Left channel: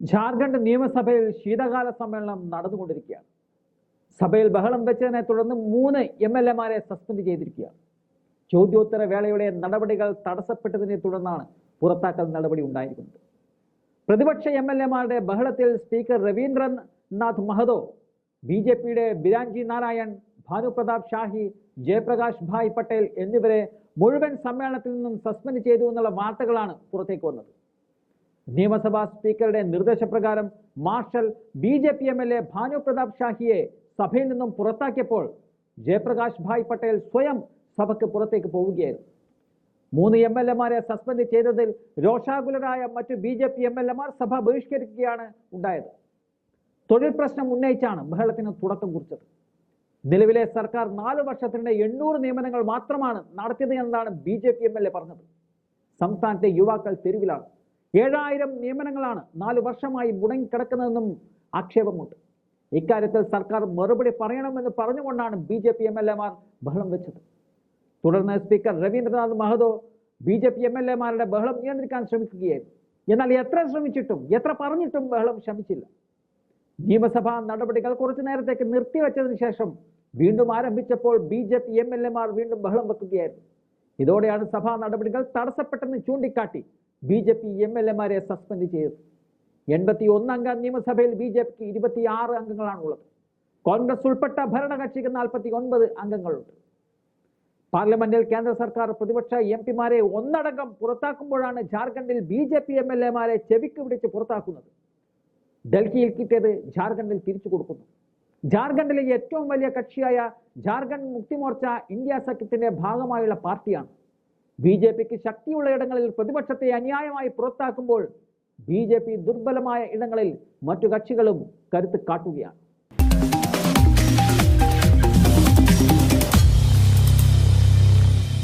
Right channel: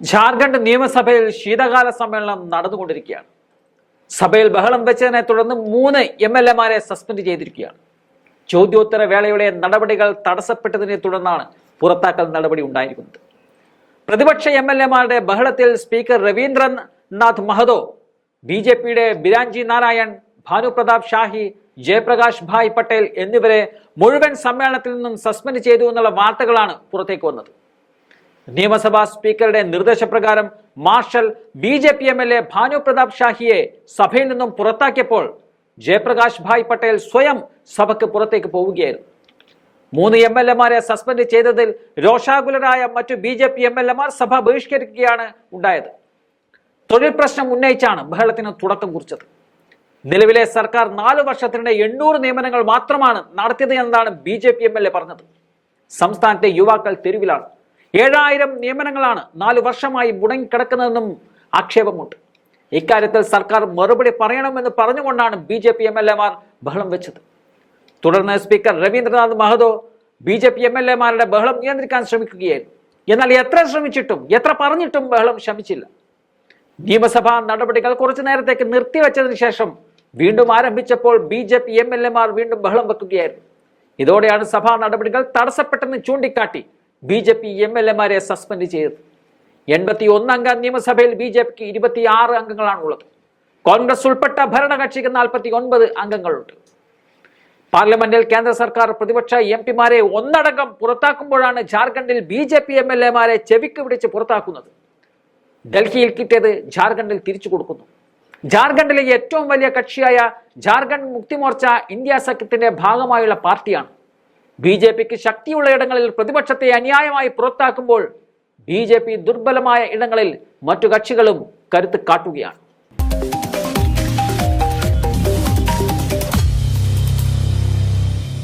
ജാർഖണ്ഡ് നിയമസഭയിൽ ശീതകാല സമ്മേളനം നടന്നുകൊണ്ടിരിക്കുകയാണ്. സഭയിൽ ബഹളം വെച്ചതിനെ തുടർന്ന് മൂന്ന് എം എൽ എമാരെ സസ്പെൻഡ് ചെയ്തിരിക്കുകയാണ്. ചോദ്യോത്തര വേളയുടെ നടപടികൾ തടസ്സപ്പെട്ടതിനെ തുടർന്നാണ് പുറത്താക്കൽ നടപടി ഉണ്ടായിരിക്കുന്നത്. പ്രതിപക്ഷ എം എൽ എമാരുടെ ബഹളത്തിൽ speaker Rabindranath Mahato B J പിയുടെ ബിരാഞ്ജി നാരായൺ ഭാനുപ്രതാപ് ഷാഹി ജയപ്രകാശ് ഭായ് പട്ടേൽ എന്നിവരെ മുഴുവൻ സമ്മേളനത്തിൽ നിന്നും സസ്പെൻഡ് ചെയ്തു എന്നുള്ള വാർത്തകളാണ് പുറത്തേക്ക് വന്നത്. നിയമസഭാ സ്പീക്കറുടെ നിർദ്ദേശപ്രകാരം marshal B J P M L A Bhanu Pratap ഷാഹിയെ സഭയിൽ നിന്നും പുറത്താക്കിയപ്പോൾ ജയപ്രകാശ് ഭായ് പട്ടേൽ സ്വയം സഭയ്ക്ക് പുറത്തേക്ക് പോവുകയായിരുന്നു. മൂന്ന് എം എൽ എമാരെ സസ്പെൻഡ് ചെയ്തതിൽ രോഷാകുലരായ മറ്റു B J P M L എമാർ സഭ ബഹിഷ്കരിക്കുകയാണ് ഉണ്ടായത്. തൊഴിൽ പ്രശ്നം ഉന്നയിച്ചാണ് ബഹളത്തിന് തുടക്കം കുറിച്ചത്. നിലവിലെ സർക്കാർ നാല് വർഷത്തിനിടെ എണ്ണൂറ് നിയമനങ്ങൾ മാത്രമാണ് നടത്തിയത് എന്നാണ് B J P M L A പറഞ്ഞത്. സംസ്ഥാനത്തെ യുവാക്കൾ തെരുവിലാണ്. ഏഴായിരം നിയമനങ്ങളാണ് നാലു വർഷമായി മുടങ്ങിക്കിടക്കുന്നതെന്നും ആക്ഷേപമുണ്ട്. ഇക്കാര്യത്തിൽ സർക്കാർ മറുപടി പറയണമെന്ന് പറഞ്ഞുകൊണ്ടാണ് B J P M L എമാർ ബഹളം വെച്ചത്. തുടർന്ന് speaker Rabindranath Mahato B J P M L എമാരുടെ ബഹളം നിയന്ത്രിക്കാൻ ശ്രമിക്കുകയായിരുന്നു. എന്നാൽ എത്ര ശ്രമിച്ചിട്ടും എത്ര പറഞ്ഞിട്ടും ബഹളം ശമിച്ചില്ല. നിയമസഭാ നടപടികൾ കുറച്ചു നേരത്തേക്ക് നിർത്തിവെച്ചതിന് ശേഷം വീണ്ടും ആരംഭിച്ചപ്പോൾ B J P M L എമാർ വീണ്ടും ബഹളം വെക്കുകയായിരുന്നു. ഇതോടെയാണ് സഭാ നടപടികൾ തടസ്സപ്പെട്ടെന്ന് ചൂണ്ടിക്കാട്ടി B J P M L എമാരെ സസ്പെൻഡ് ചെയ്തത്. എൺപത്തി ഒന്നംഗ നിയമസഭയിൽ ബി ജെ പിക്ക് ഇരുപത്തി ആറ് അംഗങ്ങളാണുള്ളത്. കോൺഗ്രസ് ഉൾപ്പെട്ട ഭരണകക്ഷിക്ക് നാൽപ്പത്തി ഒൻപത് അംഗങ്ങളുണ്ട്. പാർലമെന്റിൽ കേന്ദ്ര സർക്കാർ പ്രതിപക്ഷ എം പിമാരെ ഒന്നടങ്കം പുറത്താക്കുമ്പോഴാണ് ജാർഖണ്ഡിൽ B J P M L എമാരെ ചെവിക്ക് പിടിച്ച് പുറത്താക്കുന്നത്. ഡൽഹിയിൽ കിട്ടിയത് ജാർഖണ്ഡിൽ തിരിച്ചു കൊടുക്കുന്നു. ജാർഖണ്ഡിലെ ഏറ്റവും വലിയ കക്ഷിയായ ജാർഖണ്ഡ് മുക്തിമോർച്ച ഇന്ത്യ സഖ്യത്തിന്റെ ഭാഗമായുള്ള പാർട്ടിയാണ്. ബി ജെ പിക്ക് ശക്തിയുള്ള ഇടങ്ങളിൽ പ്രതിപക്ഷത്തെ അന്യായമായി പുറത്താക്കുമ്പോൾ ബി ജെ പി ദുർബലമായ ഇടങ്ങളിൽ മറ്റു കക്ഷികളും കരുത്ത് കാട്ടുകയാണ്.